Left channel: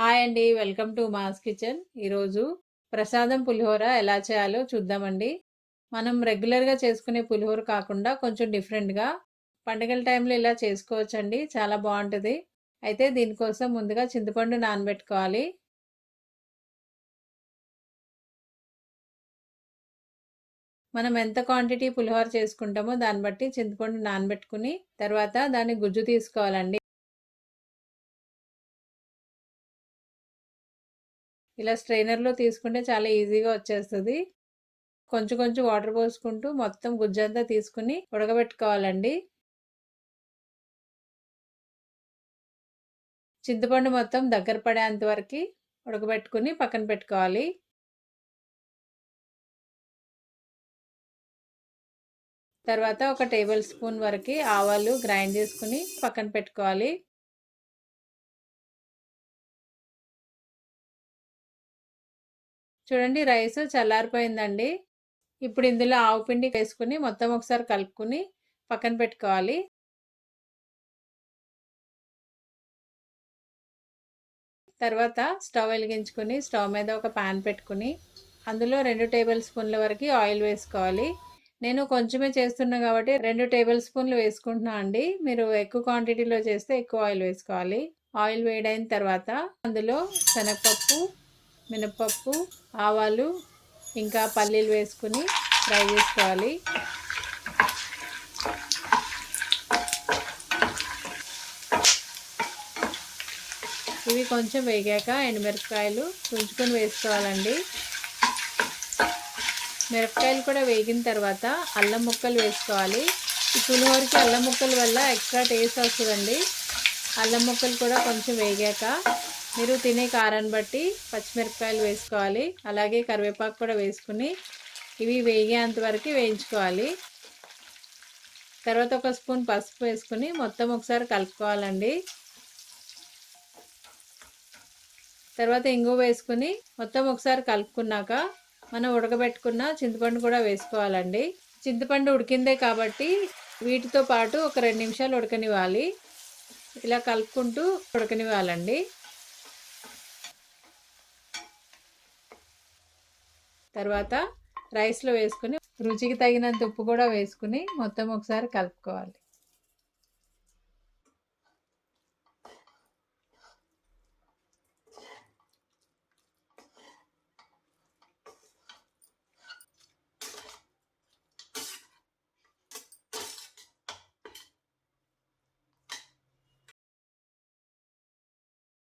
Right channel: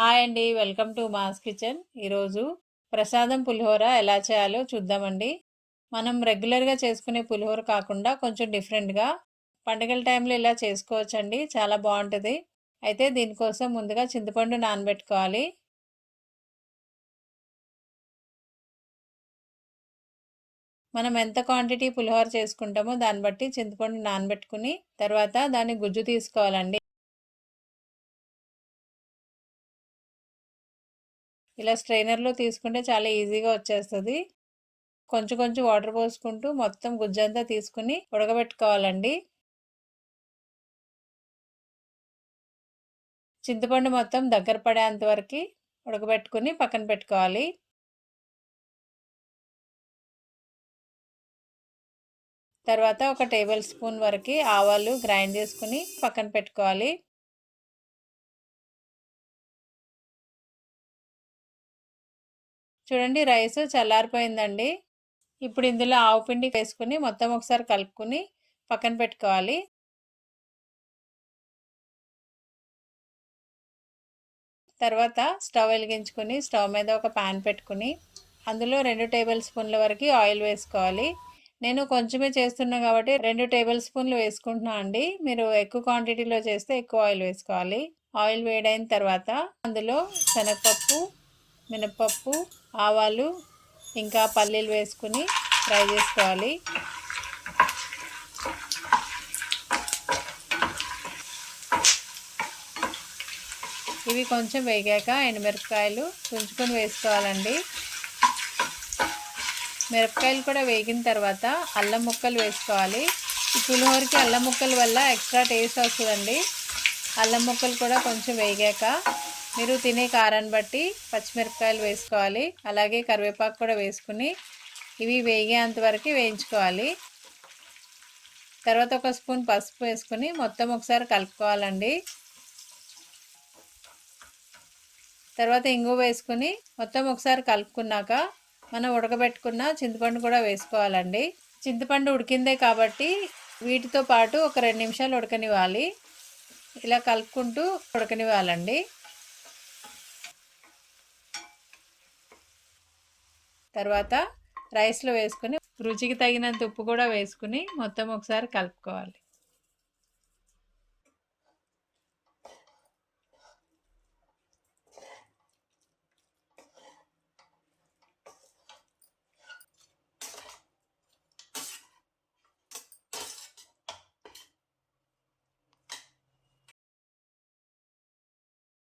Hi అండి. Welcome to ma's kitchen. ఈరోజు ప్రసాదం పులిహోర ఎలా చేయాలో చూద్దామండి. మనం రెగ్యులర్గా చేసుకునే పులిహోర కాకుండా కొంచెం డిఫరెంట్గా పండుగల టైంలో ఇలా చేసుకోవచ్చండి. చాలా బాగుంటుంది. అయితే దీనికోసం ముందుగా చింతపండు నానబెట్టుకోవాలి. మనం ఎంత క్వాంటిటీ పులిహోర చేసుకుంటామో దాన్ని బట్టి చింతపండు నానబెట్టుకుని తర్వాత దాన్ని గుజ్జు తీసుకోవాలండి. ఇలా స్ట్రైనర్లో తీసుకుంటే చాలా ఈజీగా వచ్చేస్తుంది. కొంచెం కొంచెం వాటర్ పోసుకుంటూ మొత్తం గుజ్జంతా తీసుకుని ఉడకబెట్టుకోవాలండి. చింతపండు మొత్తం దగ్గర పడేంత వరకు ఉడకబెట్టుకుని పక్కన పెట్టుకోవాలి. తర్వాత ఒక టేబుల్ స్పూన్ వరకు ఆవాలు గ్రైండ్ చేసుకుని పక్కన పెట్టుకోవాలి. చూడండి రైస్ చల్లారిపోయిందండి. ఇప్పుడు ఇందులో ఆవు పిండి వేసుకుని మొత్తం ఒకసారి కలుపుకుని పక్కన పెట్టుకోవాలి. తర్వాత స్టవ్ వెలిగించుకుని స్టవ్ మీద ఒక పాన్ పెట్టుకుని అందులో రెండు టేబుల్ స్పూన్ల వరకు ఆయిల్ వేసుకోవాలి. నేను కొంచెమే చేస్తున్నా కాబట్టి రెండు టేబుల్ స్పూన్లు వేసుకుంటున్నా అండి. మీరు ఎక్కువ క్వాంటిటీలో చేస్తే ఎక్కువ ఆయిల్ వేసుకోవాలి. ఆయిల్ వేడైన తర్వాత అందులో శనగపప్పు మినపప్పు ఆవాలు ఇంకా పల్లీలు వేసుకుని ఫ్రై చేసుకోవాలి. ఇవి కొంచెం వేగాక ఎండుమిరపకాయలు పుంచుకొని వేసుకోవాలండి. మిరపకాయలు కూడా వేగిన తర్వాత అల్లం ముక్కలు వేసుకోవాలి. ఈ పులిహోరకి అల్లం ముక్కల వల్ల ఎక్స్ట్రా టేస్ట్ వస్తుందండి. అల్లం ముక్కలు కూడా కొంచెం వేగాక మీరు తినే కారాన్ని బట్టి పచ్చిమిరపకాయలు వేసుకోవాలి. అలాగే కరివేపాకు కూడా వేసుకుని ఇవి వేగేంత వరకు వేయించుకోవాలి. తర్వాత ఒక స్పూన్ పసుపు వేసుకుని మొత్తం ఒకసారి కలుపుకోవాలండి. తర్వాత ఇంగు వేసుకుని మొత్తం ఒకసారి కలుపుకున్నాక మనం ఉడకబెట్టుకున్న చింతపండు కూడా వేసుకోవాలండి. చింతపండు ఉడికిందే కాబట్టి వీటితో పాటు ఒక రెండు నిమిషాలు ఉడకనివ్వాలి. ఇలా కలుపుకుంటూ ఉడకనివ్వాలండి. తర్వాత రైస్లో వేసుకుని రుచికి తగినంత ఉప్పు కూడా వేసుకుని మొత్తం ఒకసారి కలుపుకోవాలి.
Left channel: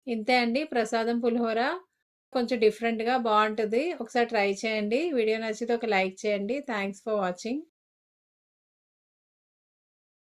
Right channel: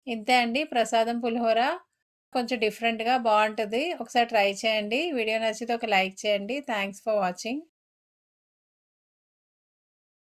ఇంతే అండి. ప్రసాదం పులిహోర కొంచెం డిఫరెంట్గా బాగుంటుంది ఒకసారి ట్రై చేయండి. వీడియో నచ్చితే ఒక లైక్ చేయండి. Thanks for watching.